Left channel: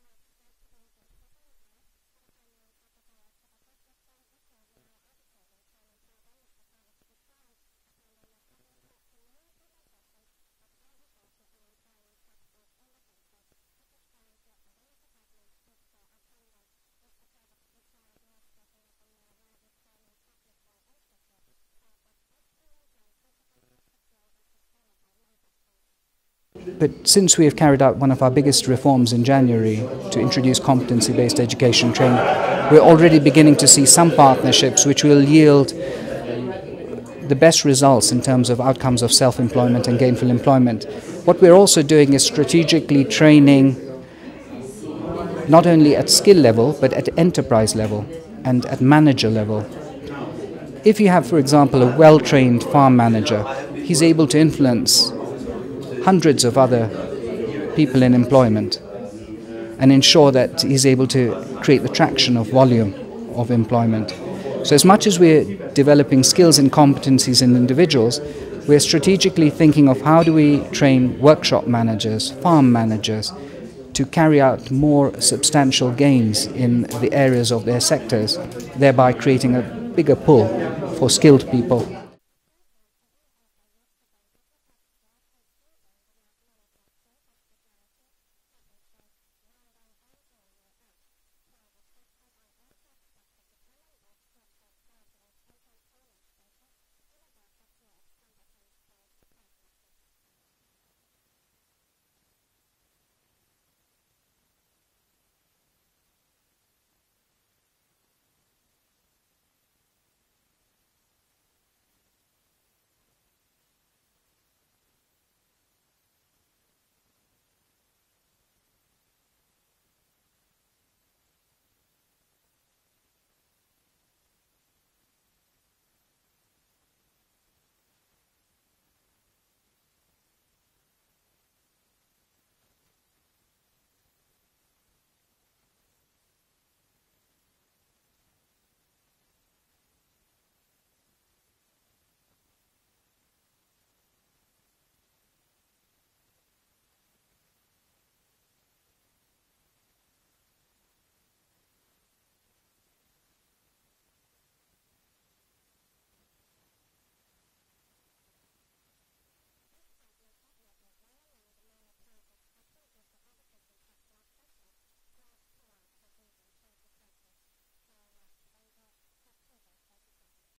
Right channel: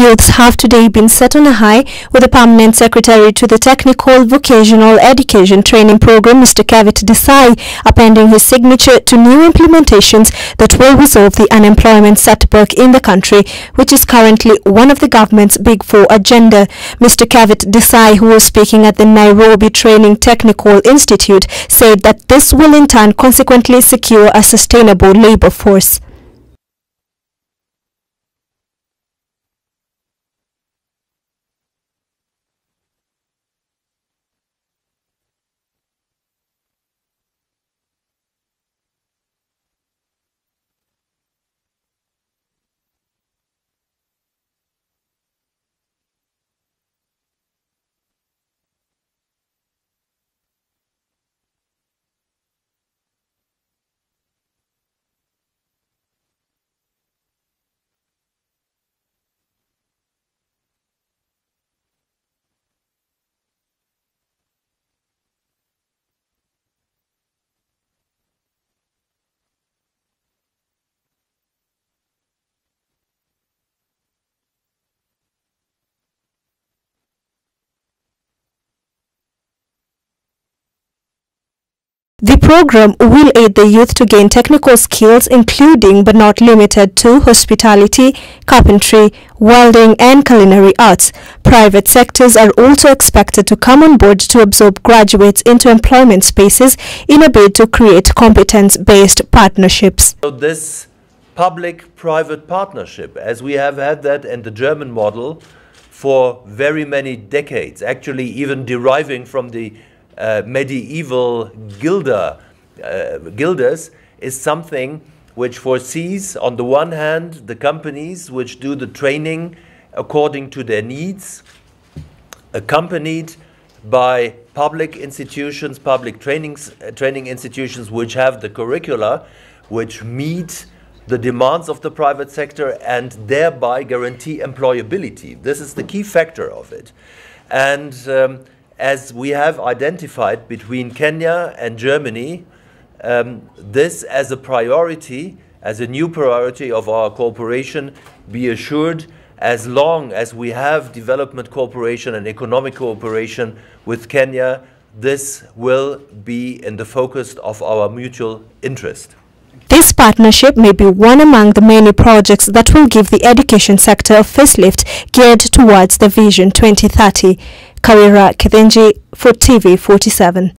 youths have today been set on a high, with the permanent secretary to the Technical Vocational Education Training Program, Mr. Kavit Desai, appending his signature to new implementations that will resolve the unemployment setback in the country, which is currently one of the government's Big Four agenda. Mr. Kavit Desai, who was speaking at the Nairobi Training Technical Institute, said that this will in turn consequently secure a sustainable labour force. But since we have carried out one of our biggest reforms in January to introduce competency-based education training, we're already beginning to see some partnerships which will yield the best results in terms of outcomes of self-employment and gainful employment. What we're also doing is strategically training not only at skill level, but at enterprise level and at manager level. If you have, for example, a well-trained farm manager, he's able to influence hundreds of other people in employment and ensure that he's able to create the traction of volume of employment. So as much as we're developing skills and competencies in individuals, we're strategically thinking of how do we train workshop managers, farm managers, to carry out more substantial gains in the areas of their sectors, thereby creating a bigger pull for skilled people. The program will aid the youth to gain technical skills including but not limited to hospitality, carpentry, welding and culinary arts. Private sectors are also expected to come on board to absorb graduates into employment spaces in a bid to create competence-based partnerships. So this public-private partnership, as we have had that in the German model for very many decades, actually even deriving from the medieval guilders, is something which foresees, on the one hand, the companies which do the training according to their needs, accompanied by public institutions, public training institutions which have the curricula which meet the demands of the private sector and thereby guarantee employability. This is the key factor of it. And as we have identified between Kenya and Germany, this as a priority, as a new priority of our cooperation, be assured, as long as we have development cooperation and economic cooperation with Kenya, this will be in the focus of our mutual interest. This partnership may be one among the many projects that will give the education sector a facelift geared towards the Vision 2030. Kawira Kithenji for TV 47.